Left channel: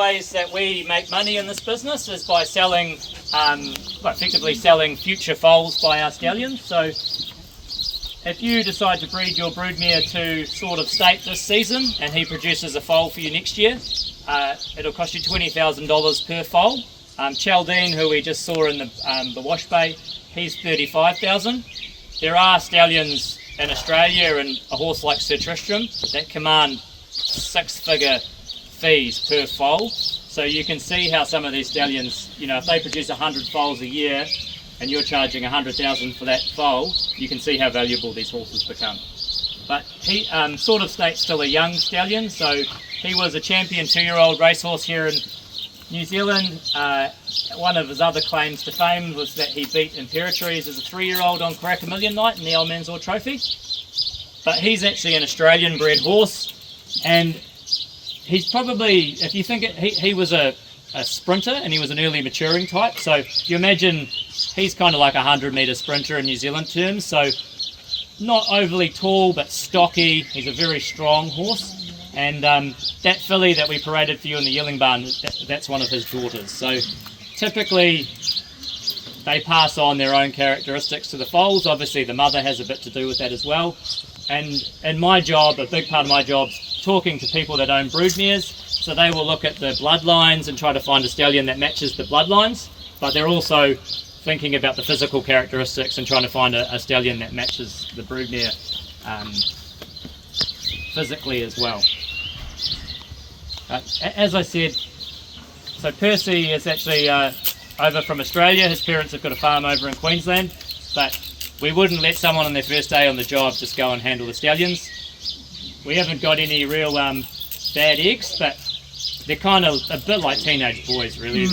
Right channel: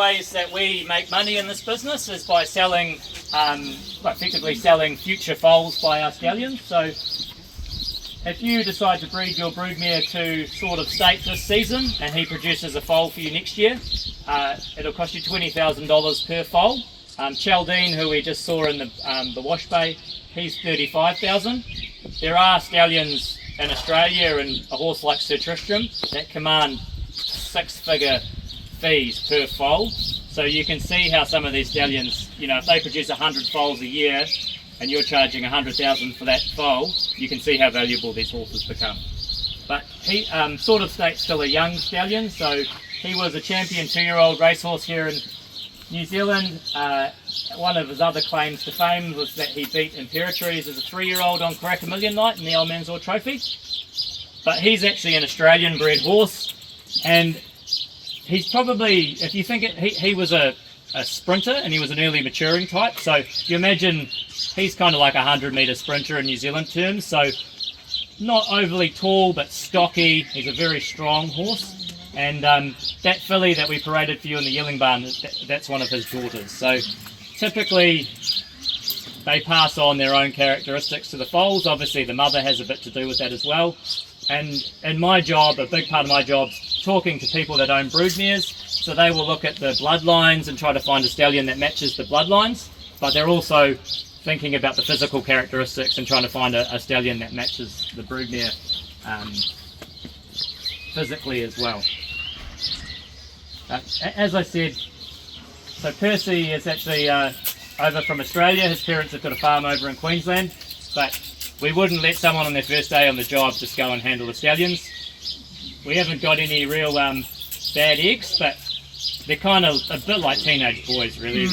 Ways that we make money in this business is by selling, effectively selling future foals by our stallions. So if you decide to breed your broodmare to sort of state this season and he produces a foal for you next year, it'll cost you $20,000 per foal. Chaldine, who we just saw in the wash bay, he's $35,000. There are stallions in Australia and a horse like Sir Tristram that command six-figure fees per foal. So you can see how some of these stallions, you know, if they produce 100 foals a year and you're charging $100,000 for that foal, you can see how valuable these horses become. But he sort of states still a young stallion, so he was a champion 2-year-old racehorse here in New Zealand. One of his other claims to fame was that he beat Imperatrice as a 3-year-old on Crack-A-Million night in the Old Mansell Trophy. But he's actually an Australian bred horse, and he's probably, if you think it, he was a sprinter and he was an early maturing type. So you imagine he's kind of like a 100-metre sprinter in New Zealand terms. So not overly tall, but stocky. He's a very strong horse. And that filly that we paraded for you in the yearling barn, that's one of his daughters. So typically they pass on their own characteristics to the foals. Obviously the mother has a bit to do with that as well. And in my job, a big part of my job, talking to people that own broodmares, so they will look at the bloodlines and try to find a stallion that matches the bloodlines, but they're also thinking about the physical characteristics and trying to find a stallion that matches the broodmare physically as well. As I said, so Percy is actually over from Australia. His parents have got a farm over in Queensland, but we wouldn't let someone on their first day on the job just go and handle the stallions. We haven't got any real bad eggs, but they're kind of a bit like teenage boys, really.